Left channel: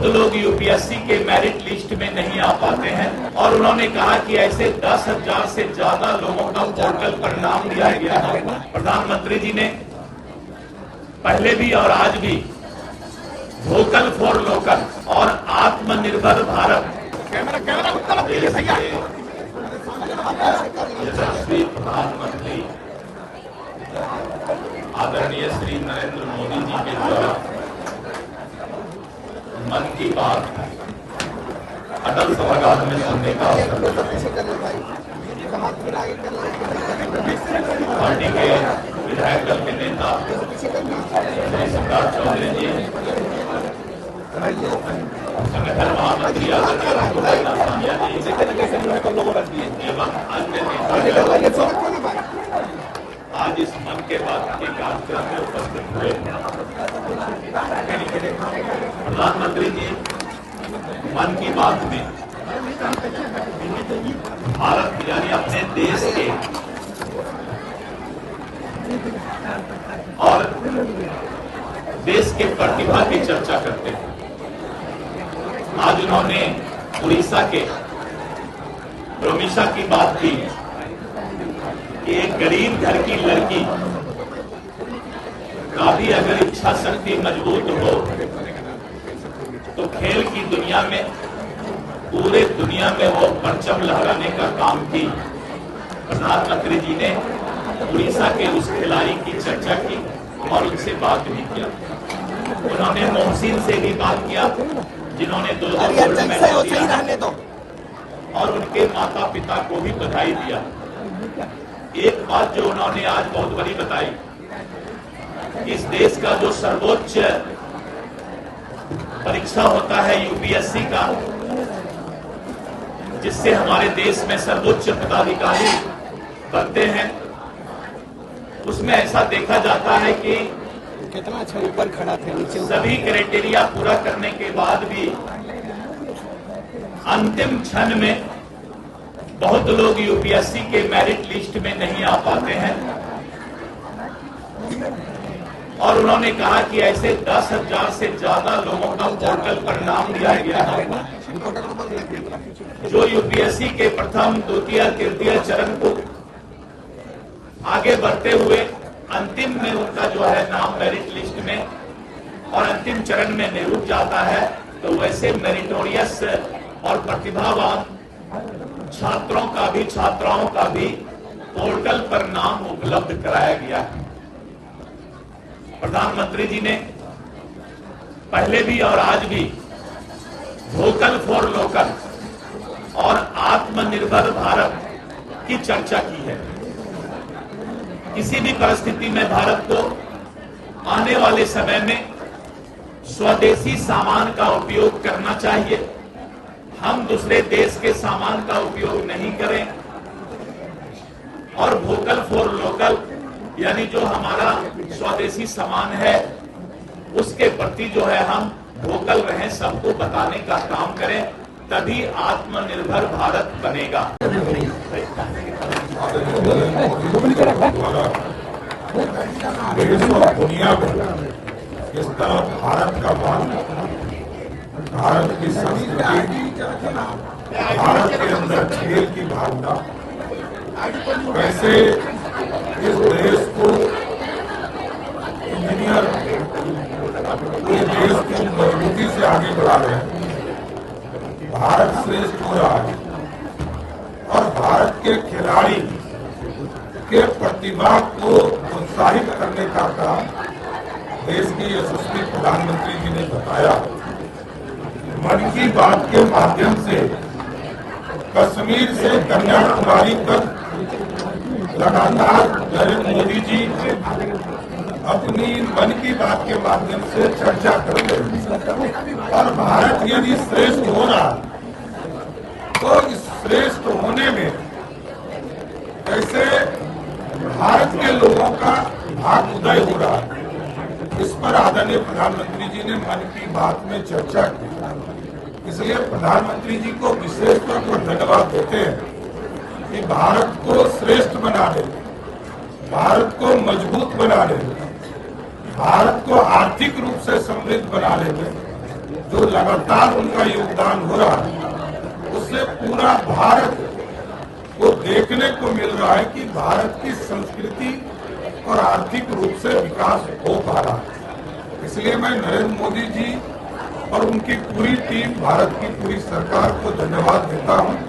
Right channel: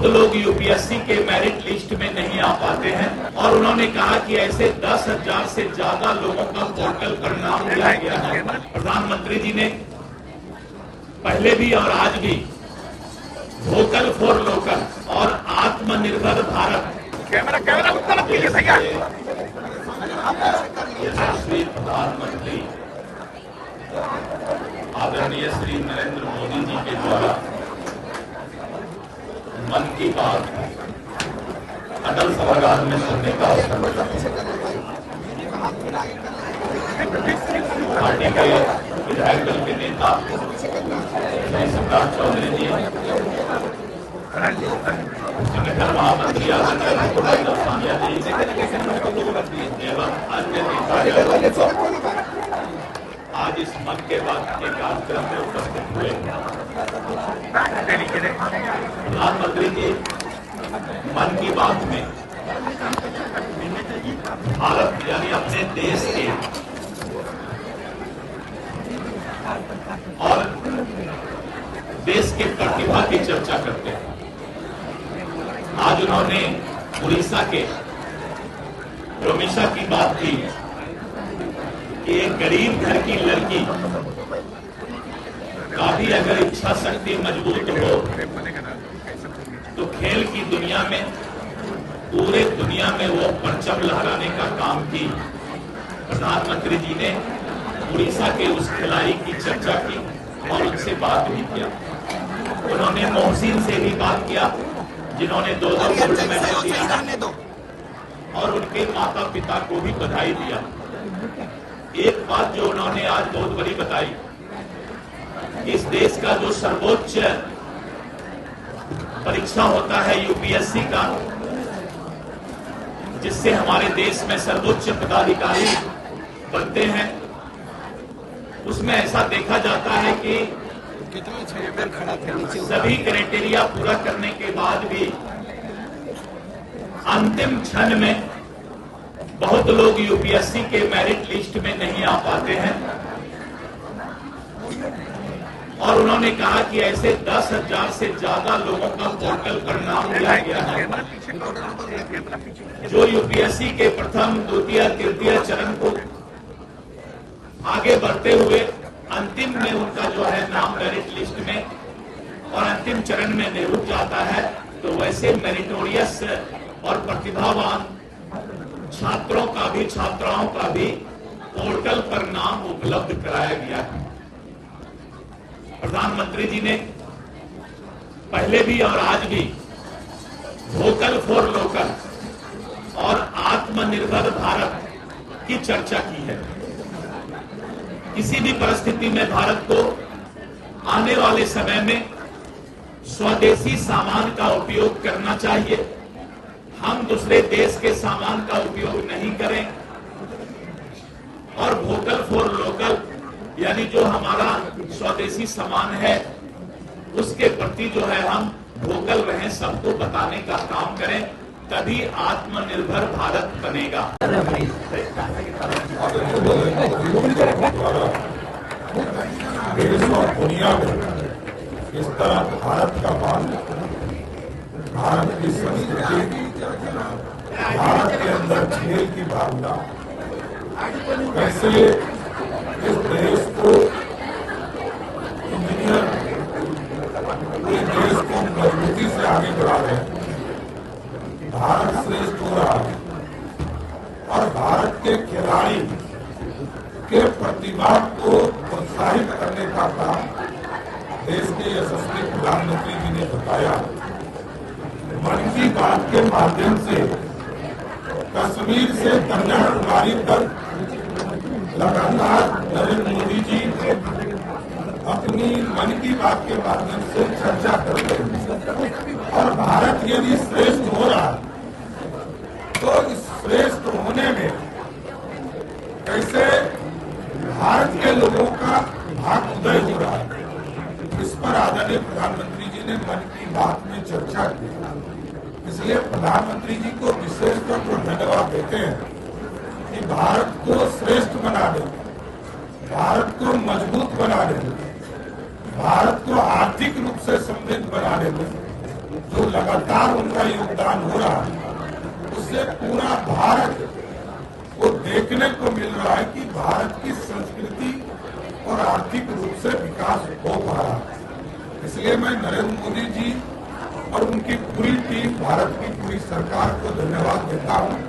बहुत लोग यूपीएससी के मेरिट लिस्ट में नहीं आ पाते हैं और उन्होंने कहा कि ऐसे 10,000 से ज्यादा लोगों का पोर्टल पर नाम दिया गया है। प्रधानमंत्री जी ने पहले भी और आज भी वोकल फॉर लोकल और आत्मनिर्भर भारत यशस्वी प्रधानमंत्री आदरणीय श्री नरेंद्र मोदी जी के द्वारा मन की बात अटल सभागार में सुनने का अवसर मिला। पार्टी के विधायक दल के नेता श्री शिवराज चौधरी जी, संगठन महामंत्री आदरणीय एवं अन्य नेता आज इस मन के बात के कार्यक्रम में उपस्थित हुए। प्रधानमंत्री जी मन की बात में भारत यानी अपने देश के और देश के प्रतिभा की चर्चा करते हैं। आज उन्होंने उड़ीसा के रोमिशा की बात की कि एक गरीब घर की लड़की काफी अगर इच्छा शक्ति मजबूत हो तो खेल की दुनिया में पूरे दुनिया में वो परचम लहराने का काम की। प्रधानमंत्री जी ने उड़ीसा के उस खिलाड़ी की चर्चा की और उनसे बात भी किया। उन्होंने मोहसिन से भी बात किया जिन्होंने 2 गोल्ड मेडल दिया है और उनके माता पिता को भी बधाई दिया। एक बात जो उन्होंने आज बहुत बड़ी बताई, इस देश का जो सर्वोच्च परीक्षा होता है यूपीएससी का, जिससे हमारे देश में सर्वोच्च पदाधिकारी बनते हैं, उसमें ऐसा देखा जाता है कि सभी क्राइटेरिया पूरा करने के बाद भी अंतिम क्षण में बहुत लोग यूपीएससी के मेरिट लिस्ट में नहीं आ पाते हैं और उन्होंने कहा कि ऐसे 10,000 से ज्यादा लोगों का पोर्टल पर नाम दिया गया है जो यूपीएससी के प्रथम, द्वितीय, तृतीय चरण को आगे बढ़ते हुए अंतिम में उनका जो है नाम मेरिट लिस्ट में और अंतिम चरण में नहीं रुक जाता है, तो वैसे मेरिटोरियस और प्रतिभावान छात्रों का भी छात्राओं का भी पोर्टल पर नाम उपलब्ध कराया गया है। प्रधानमंत्री जी ने पहले भी और आज भी वोकल फॉर लोकल और आत्मनिर्भर भारत की चर्चा की है। किसी भी परिस्थिति में भारत को आने वाले समय में स्वदेशी सामान का उपयोग करना चाहिए। हम दूसरे देश के सामान का उपयोग नहीं करें और वोकल फॉर लोकल यानी जो हमारा स्वदेशी सामान है उसके प्रति जो है हम वोकल रहें, सबको बताने का काम करें, तभी आत्मनिर्भर भारत बनेगा। दुनिया में इस तरह भारत का मान, भारत की संस्कृति, भारत के अंदर खेल की भावना, कैसे इस देश को इंजीनियर इस देश को मजबूती से आगे बढ़ा रहे हैं। भारत श्रेष्ठ हो रहा है और भारत के खिलाड़ी के प्रतिभा को प्रोत्साहित करने का काम देश की यशस्वी प्रधानमंत्री जी ने बताया। मन की बात के माध्यम से कश्मीर से कन्याकुमारी तक लगातार नरेंद्र मोदी जी अपनी मन की बात के माध्यम से चर्चा करते हैं और भारत यदि श्रेष्ठ हो रहा है तो इस श्रेष्ठ होने में कैसे भारत के लोगों का भाग्योदय हो रहा है, इस पर आदरणीय प्रधानमंत्री जी ने मन की बात में चर्चा की। इसलिए प्रधानमंत्री जी को विशेष तौर पर धन्यवाद देते हैं कि भारत को श्रेष्ठ बना दे, भारत को मजबूत बना दे, भारत को आर्थिक रूप से समृद्ध बना दे, जो लगातार उनका योगदान हो रहा है, उससे पूरा भारत को देखने को मिल रहा है कि भारत की संस्कृति और आर्थिक रूप से विकास हो पा रहा है। इसलिए मैं नरेंद्र मोदी जी और उनकी पूरी टीम, भारत की पूरी सरकार को धन्यवाद देता हूं।